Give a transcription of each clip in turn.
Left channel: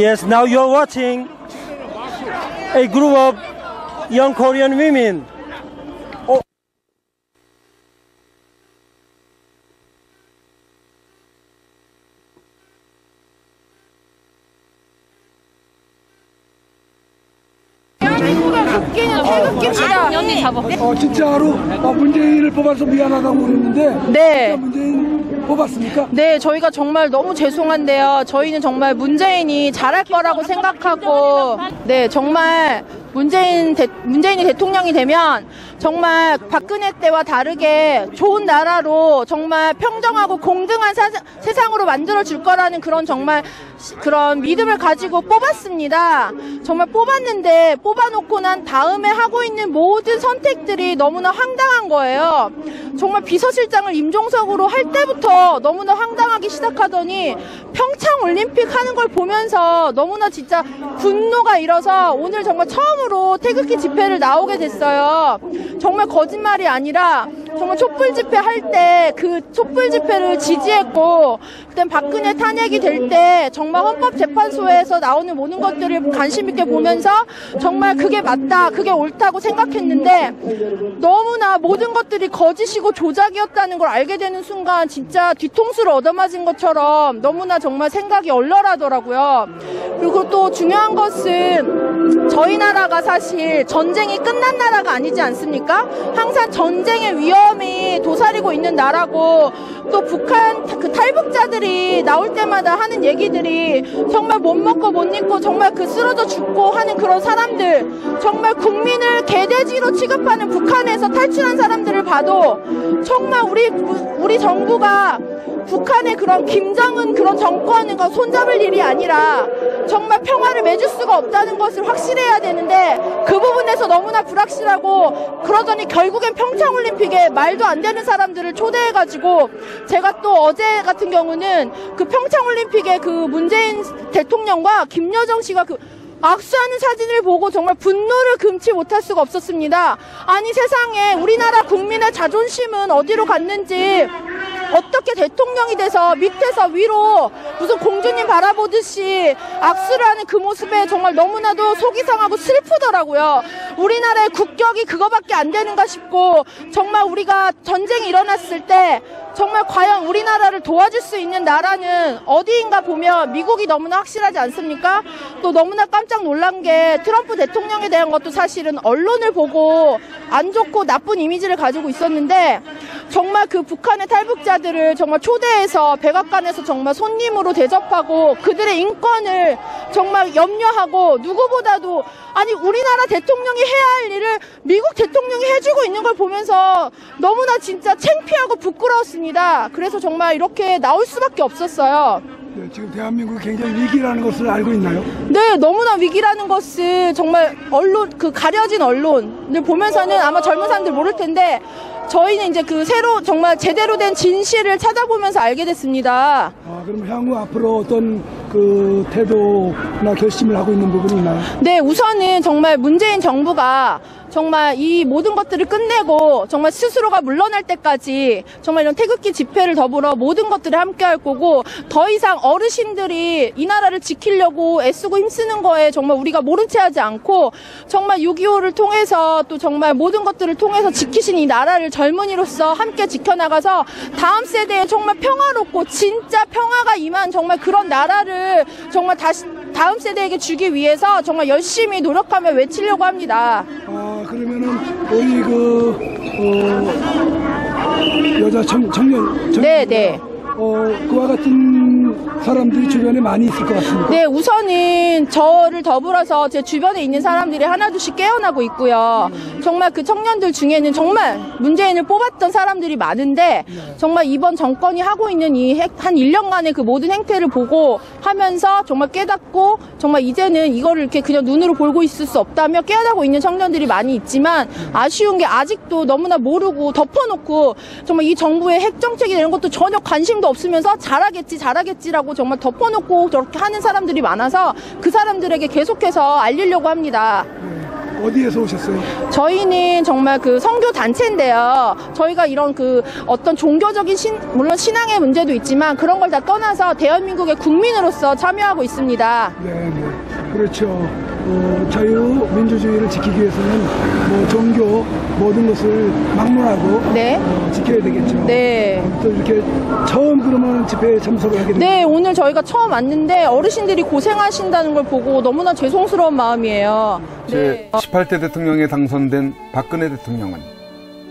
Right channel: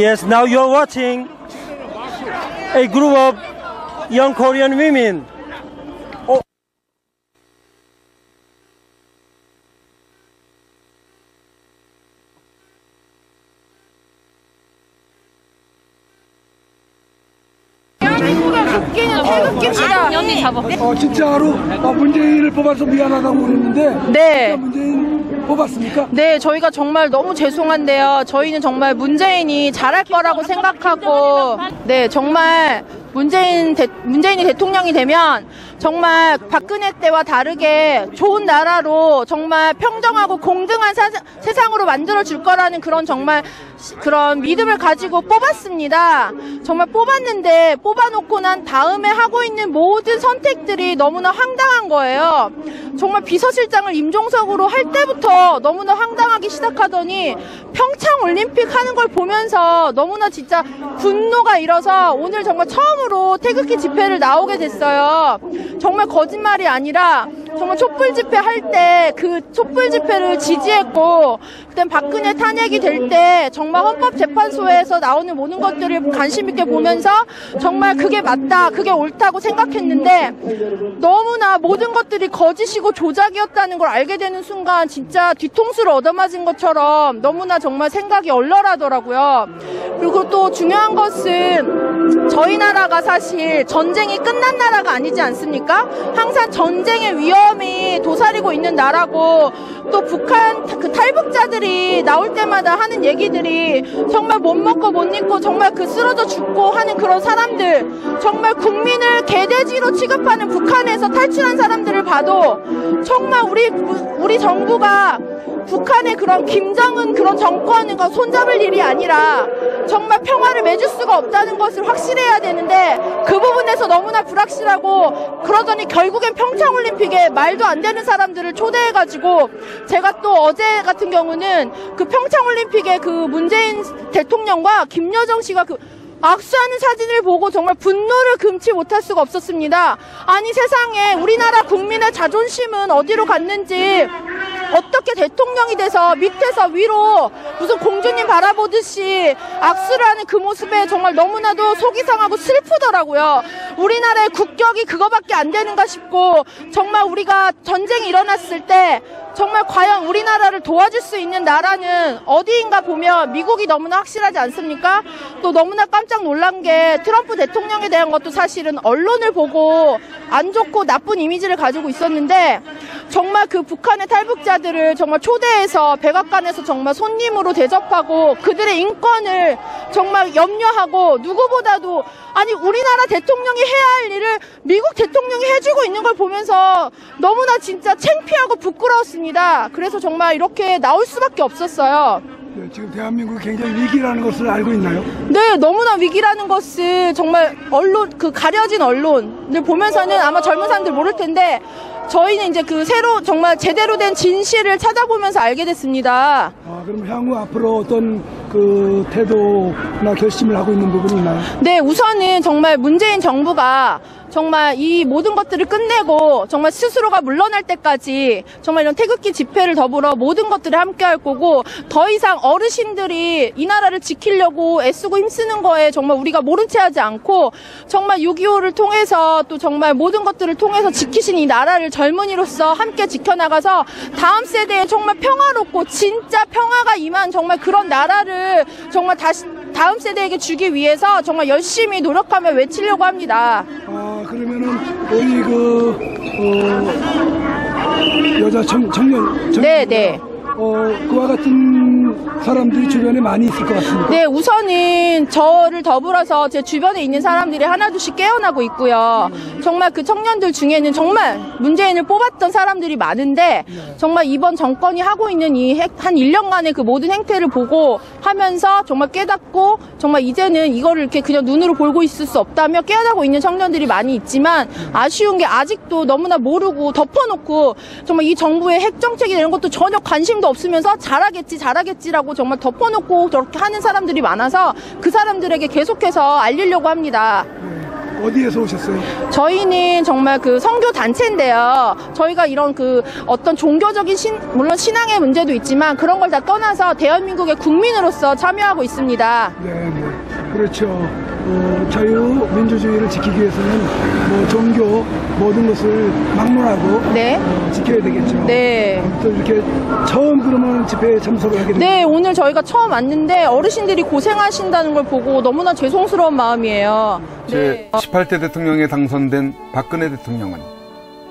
Yes, now you're watching a group of young Korean women. Oh. 진짜로 문재인을 뽑아서 미안하다고 그랬는데 네. 진짜 문재인 뽑았습니까? 네, 저희가 정말 너무 죄송한데요. 저희는 정말 문재인이 잘할 거라고 생각하고, 네, 정말 문재인이 대통령이 되면 정말 박근혜 때와 다르게 좋은 나라로 정말 평정하고 공정한 세상으로 만들어 줄 거라는 그런 정말 그런 믿음을 가지고 뽑았습니다. 정말 뽑았는데 뽑아놓고 난 다음에 하고 있는 모든 선택들이 너무나 황당한 거예요. 정말 비서실장을 임종석으로 할 때부터 너무나 황당하기 시작하더니 평창올림픽 하는 걸 보면서 너무나 진짜 분노가 일어서 오늘 정말 처음으로 태극기 집회를 나오게 됐어요. 정말 거짓말이 아니라 정말 촛불 집회 할 때 그 촛불 집회를 지지했고, 그다음 박근혜 탄핵이 될 때 정말 헌법재판소에서 나오는 모든 것들을 관심 있게 보면서 정말 그게 맞다, 그게 옳다고 생각했는데 너무나 모든 것들이 거짓이고 조작이었다는 걸 알게 되는 순간 진짜 뒤통수를 얻어맞은 것처럼 너무나 정말 생각이 얼얼하더라고요. 그리고 또 중요한 것은 저희 나라가 사실 전쟁이 끝난 나라가 아니지 않습니까? 항상 전쟁의 위험이 도사리고 있는 나라고, 또 북한 그 탈북자들이 나올 때마다 하는 얘기들이 정말 못 먹고 못 입고 정말 그 쓰러져 죽고 하는 그런 사람들, 정말 국민을 개돼지로 취급하는 북한에서 탈출한 사람들을 봐도 정말 우리 정부가 북한의 그런 김정은 그런 정권과 손잡을 일이 아니라 정말 평화를 맺을 수가 없다는 것을 확실해야 되는데 그 부분에서 너무나 불확실하고, 그러더니 결국엔 평창올림픽에 말도 안 되는 사람들을 초대해가지고, 제가 또 어제 같은 경우는 그 평창올림픽에 그 문재인 대통령과 김여정 씨가 그 악수하는 사진을 보고 정말 분노를 금치 못할 수가 없었습니다. 아니 세상에 우리나라 국민의 자존심은 어디로 갔는지, 어떻게 대통령이 돼서 밑에서 위로 무슨 공주님 바라보듯이 악수를 하는 그 모습에 정말 너무나도 속이 상하고 슬프더라고요. 우리나라의 국격이 그거밖에 안 되는가 싶고, 정말 우리가 전쟁이 일어났을 때 정말 과연 우리나라를 도와줄 수 있는 나라는 어디인가 보면 미국이 너무나 확실하지 않습니까? 또 너무나 깜짝 놀란 게 트럼프 대통령에 대한 것도 사실은 언론을 보고 안 좋고 나쁜 이미지를 가지고 있었는데, 정말 그 북한의 탈북자들을 정말 초대해서 백악관에서 정말 손님으로 대접하고 그들의 인권을 정말 염려하고, 누구보다도 아니 우리나라 대통령이 해야 할 일을 미국 대통령이 해주고 있는 걸 보면서 너무나 진짜 창피하고 부끄러웠습니다. 그래서 정말 이렇게 나올 수밖에 없었어요. 네, 지금 대한민국이 굉장히 위기라는 것을 알고 있나요? 네, 너무나 위기라는 것을 정말 언론, 그 가려진 언론을 보면서는 아마 젊은 사람들 모를 텐데, 저희는 이제 그 새로 정말 제대로 된 진실을 찾아보면서 알게 됐습니다. 그럼 향후 앞으로 어떤 그 태도나 결심을 하고 있는 부분이 있나요? 네, 우선은 정말 문재인 정부가 정말 이 모든 것들을 끝내고 정말 스스로가 물러날 때까지 정말 이런 태극기 집회를 더불어 모든 것들을 함께 할 거고, 더 이상 어르신들이 이 나라를 지키려고 애쓰고 힘쓰는 거에 정말 우리가 모른 채 하지 않고, 정말 6.25를 통해서 또 정말 모든 것들을 통해서 지키신 이 나라를 젊은이로서 함께 지켜나가서 다음 세대에 정말 평화롭고 진짜 평화가 임한 정말 그런 나라를 정말 다시 다음 세대에게 주기 위해서 정말 열심히 노력하며 외치려고 합니다. 그러면은 우리 여자 청년 네. 그와 같은 사람들이 주변에 많이 있을 것 같습니다. 네, 우선은 저를 더불어서 제 주변에 있는 사람들이 하나둘씩 깨어나고 있고요. 정말 그 청년들 중에는 정말 문재인을 뽑았던 사람들이 많은데, 정말 이번 정권이 하고 있는 이 한 1년간의 그 모든 행태를 보고 하면서 정말 깨닫고, 정말 이제는 이거를 이렇게 그냥 눈으로 보고 있을 수 없다며 깨어나고 있는 청년들이 많이 있지만, 아쉬운 게 아직도 너무나 모르고 덮어놓고 정말 이 정부의 핵정책이 이런 것도 전혀 관심도 없으면서 잘하겠지라고 정말 덮어놓고 저렇게 하는 사람들이 많아서 그 사람들에게 계속해서 알리려고 합니다. 어디에서 오셨어요? 저희는 정말 그 선교 단체인데요. 저희가 이런 그 어떤 종교적인 물론 신앙의 문제도 있지만 그런 걸 다 떠나서 대한민국의 국민으로서 참여하고 있습니다. 네. 그렇죠. 자유민주주의를 지키기 위해서는 뭐 종교 모든 것을 막론하고 네. 지켜야 되겠죠. 네. 또 이렇게 처음 그러면 집회에 참석을 하게 됩니다. 네, 오늘 저희가 처음 왔는데 어르신들이 고생하신다는 걸 보고 너무나 죄송스러운 마음이에요. 네. 제18대 대통령에 당선된 박근혜 대통령은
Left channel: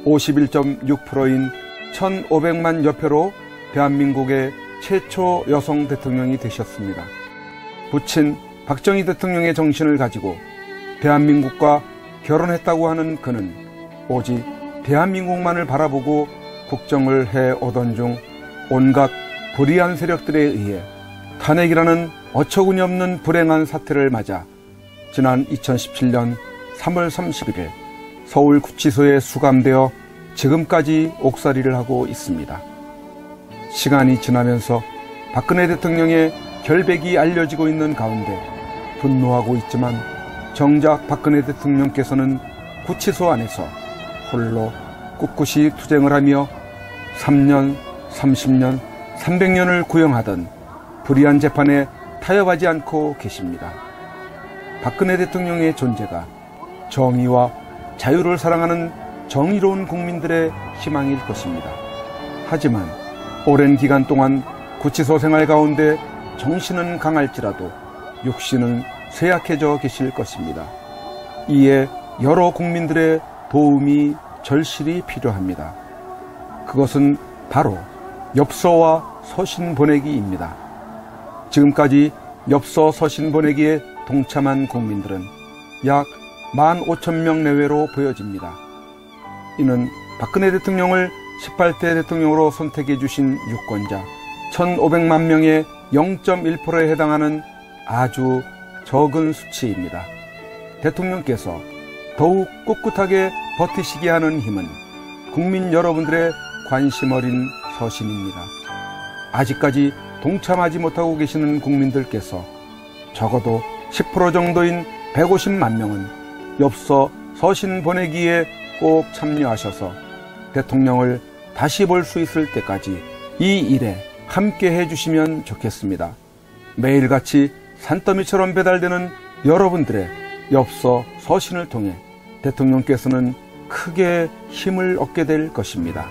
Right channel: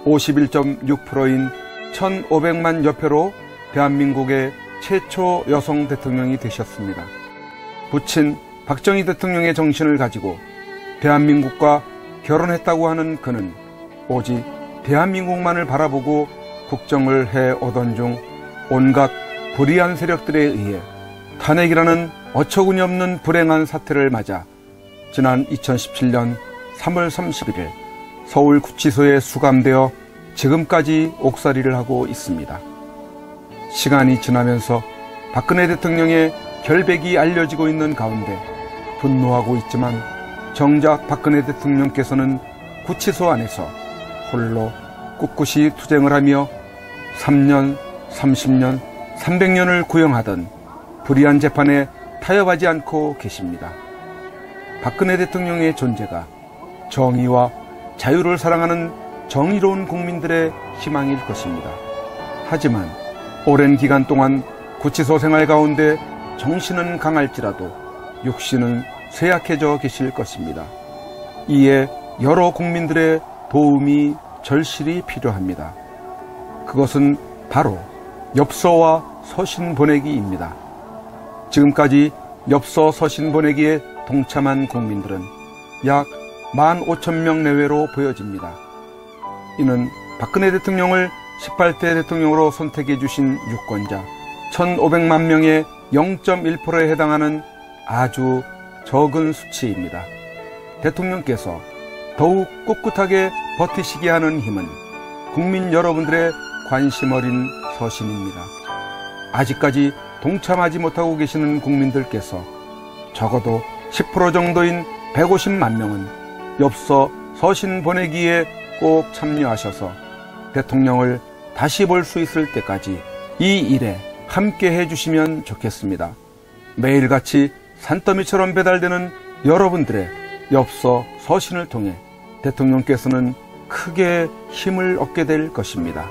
51.6%인 1,500만 여표로 대한민국의 최초 여성 대통령이 되셨습니다. 부친 박정희 대통령의 정신을 가지고 대한민국과 결혼했다고 하는 그는 오직 대한민국만을 바라보고 국정을 해오던 중 온갖 불의한 세력들에 의해 탄핵이라는 어처구니 없는 불행한 사태를 맞아 지난 2017년 3월 31일 서울구치소에 수감되어 지금까지 옥살이를 하고 있습니다. 시간이 지나면서 박근혜 대통령의 결백이 알려지고 있는 가운데 분노하고 있지만 정작 박근혜 대통령께서는 구치소 안에서 홀로 꿋꿋이 투쟁을 하며 3년, 30년, 300년을 구형하던 불의한 재판에 타협하지 않고 계십니다. 박근혜 대통령의 존재가 정의와 자유를 사랑하는 정의로운 국민들의 희망일 것입니다. 하지만 오랜 기간 동안 구치소 생활 가운데 정신은 강할지라도 육신은 쇠약해져 계실 것입니다. 이에 여러 국민들의 도움이 절실히 필요합니다. 그것은 바로 엽서와 서신 보내기입니다. 지금까지 엽서 서신 보내기에 동참한 국민들은 약 15,000명 내외로 보여집니다. 이는 박근혜 대통령을 18대 대통령으로 선택해 주신 유권자 1,500만 명의 0.1%에 해당하는 아주 적은 수치입니다. 대통령께서 더욱 꿋꿋하게 버티시게 하는 힘은 국민 여러분들의 관심 어린 서신입니다. 아직까지 동참하지 못하고 계시는 국민들께서 적어도 10% 정도인 150만 명은 엽서 서신 보내기에 꼭 참여하셔서 대통령을 다시 볼 수 있을 때까지 이 일에 함께 해주시면 좋겠습니다. 매일같이 산더미처럼 배달되는 여러분들의 엽서 서신을 통해 대통령께서는 크게 힘을 얻게 될 것입니다.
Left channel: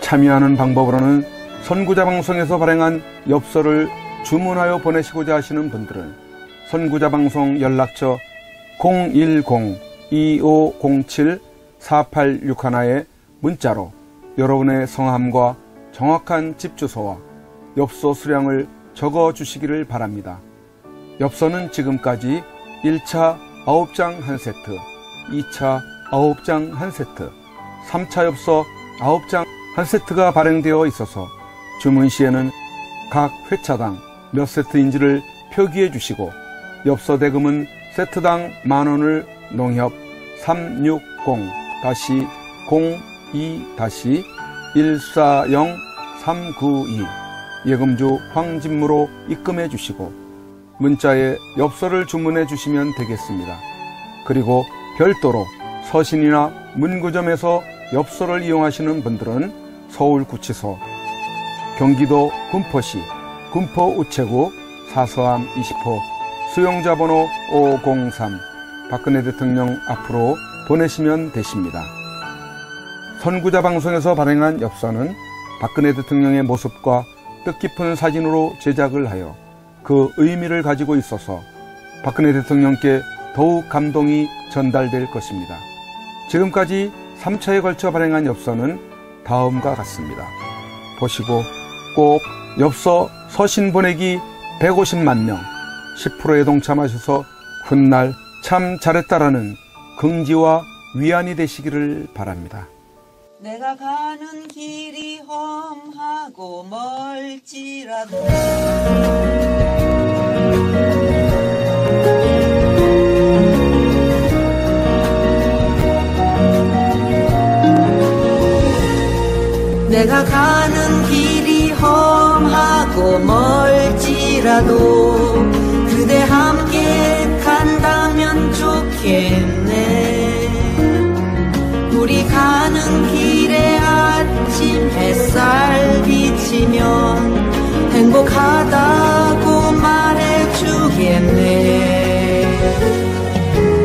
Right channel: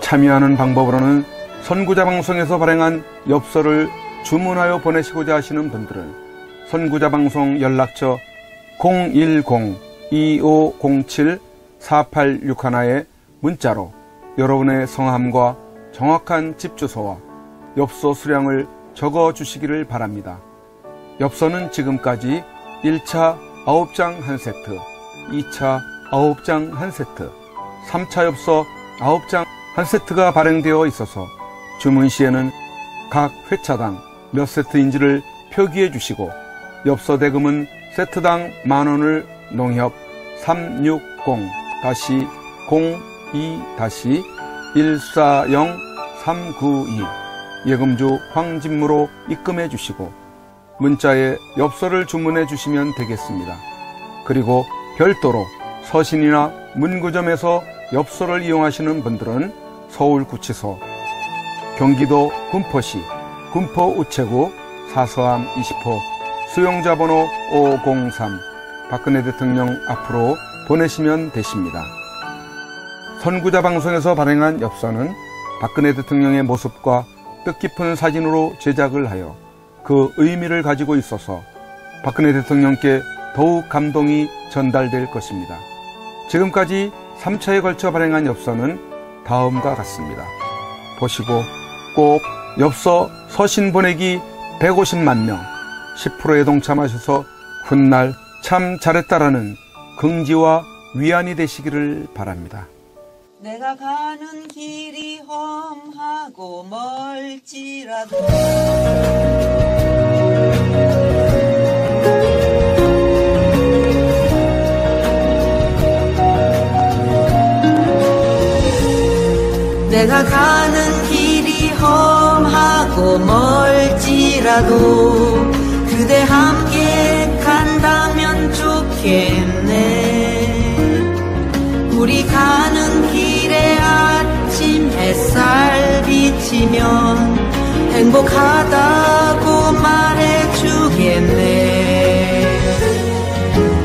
참여하는 방법으로는 선구자 방송에서 발행한 엽서를 주문하여 보내시고자 하시는 분들은 선구자 방송 연락처 010-2507-4861에 문자로 여러분의 성함과 정확한 집 주소와 엽서 수량을 적어 주시기를 바랍니다. 엽서는 지금까지 1차 9장 1세트, 2차 9장 1세트, 3차 엽서 9장 1세트가 발행되어 있어서 주문 시에는 각 회차당 몇 세트인지를 표기해 주시고 엽서 대금은 세트당 10,000원을 농협 360-02-140-392 예금주 황진무로 입금해 주시고 문자에 엽서를 주문해 주시면 되겠습니다. 그리고 별도로 서신이나 문구점에서 엽서를 이용하시는 분들은 서울구치소, 경기도 군포시 군포우체구 사서함 20호 수용자번호 503 박근혜 대통령 앞으로 보내시면 되십니다. 선구자 방송에서 발행한 엽서는 박근혜 대통령의 모습과 뜻깊은 사진으로 제작을 하여 그 의미를 가지고 있어서 박근혜 대통령께 더욱 감동이 전달될 것입니다. 지금까지 3차에 걸쳐 발행한 엽서는 다음과 같습니다. 보시고 꼭 엽서 서신 보내기 150만 명 10%에 동참하셔서 훗날 참 잘했다라는 긍지와 위안이 되시기를 바랍니다. 내가 가는 길이 험하고 멀지라도 내가 가는 길이 험하고 멀지라도 그대 함께 간다면 좋겠네. 햇살 비치면 행복하다고 말해주겠네.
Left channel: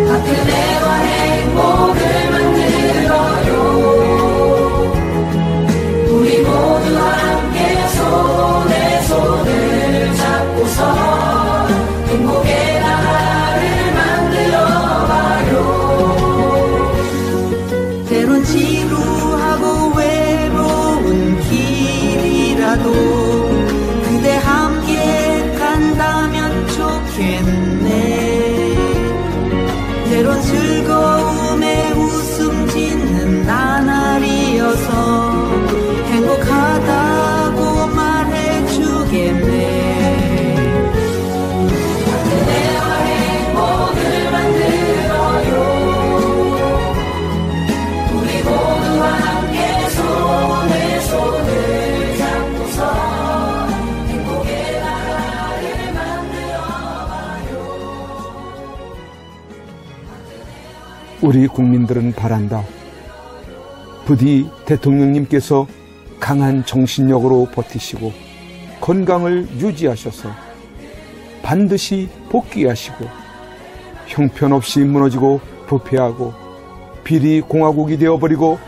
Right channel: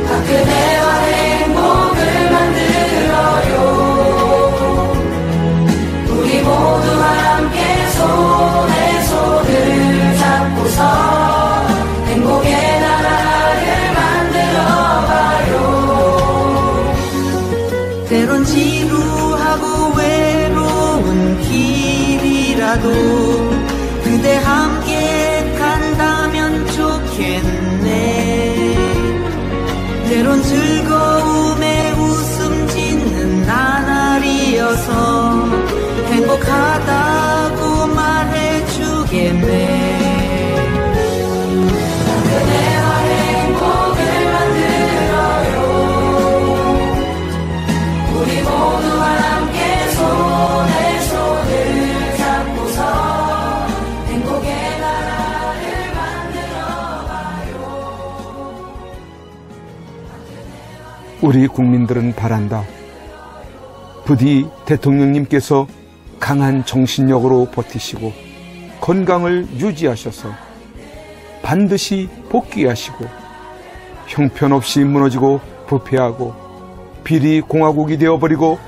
박근혜와 행복을 만들어요. 우리 모두 함께 손에 손을 잡고서 행복의 나라를 만들어봐요. 때론 지루하고 외로운 길이라도 그대 함께 간다면 좋겠네. 때론 즐거움에 웃음 짓는 나날이어서 행복하다고 말해주겠네. 그대와 행복을 만들어요. 우리 모두와 함께 손에 손을 잡고서 행복의 나라를 만들어봐요. 우리 국민들은 바란다. 부디 대통령님께서 강한 정신력으로 버티시고 건강을 유지하셔서 반드시 복귀하시고 형편없이 무너지고 부패하고 비리 공화국이 되어버리고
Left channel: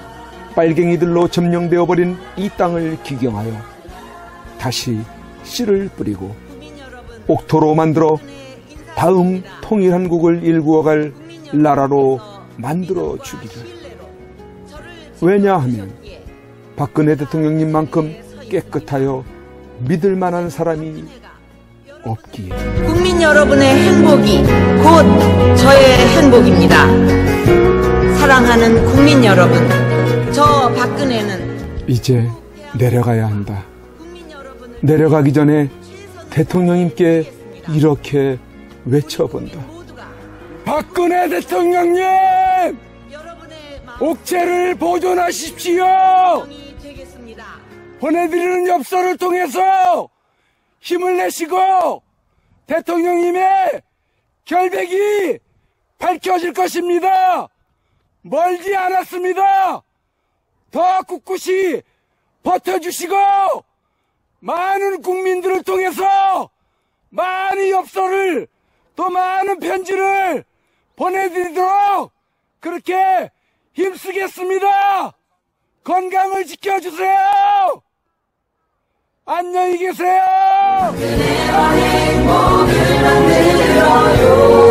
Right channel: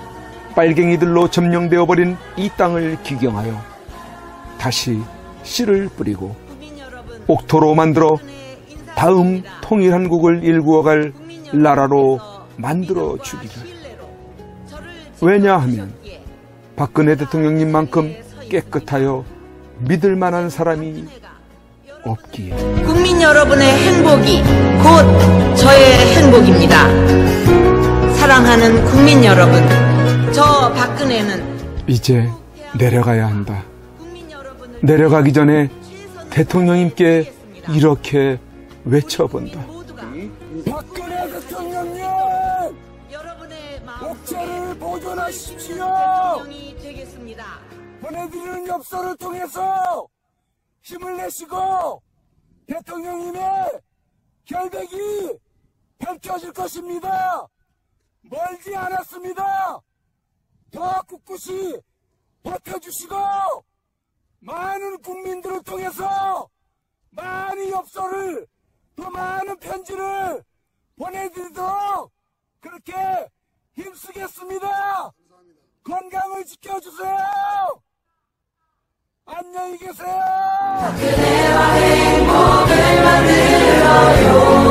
빨갱이들로 점령되어버린 이 땅을 기경하여 다시 씨를 뿌리고 옥토로 만들어 다음 통일한국을 일구어갈 나라로 만들어 주기를. 왜냐하면 박근혜 대통령님만큼 깨끗하여 믿을 만한 사람이 없기에. 국민 여러분의 행복이 곧 저의 행복입니다. 사랑하는 국민 여러분, 저 박근혜는 이제 내려가야 한다. 내려가기 전에 대통령님께 이렇게 외쳐본다. 박근혜 대통령님! 옥체를 보존하십시오. 보내드리는 엽서를 통해서 힘을 내시고 대통령님의 결백이 밝혀질 것입니다. 멀지 않았습니다. 더 꿋꿋이 버텨주시고 많은 국민들을 통해서 많은 엽서를 또 많은 편지를 보내드리도록 그렇게 힘쓰겠습니다. 건강을 지켜주세요. 안녕히 계세요. 그대와 행복을 만들어요.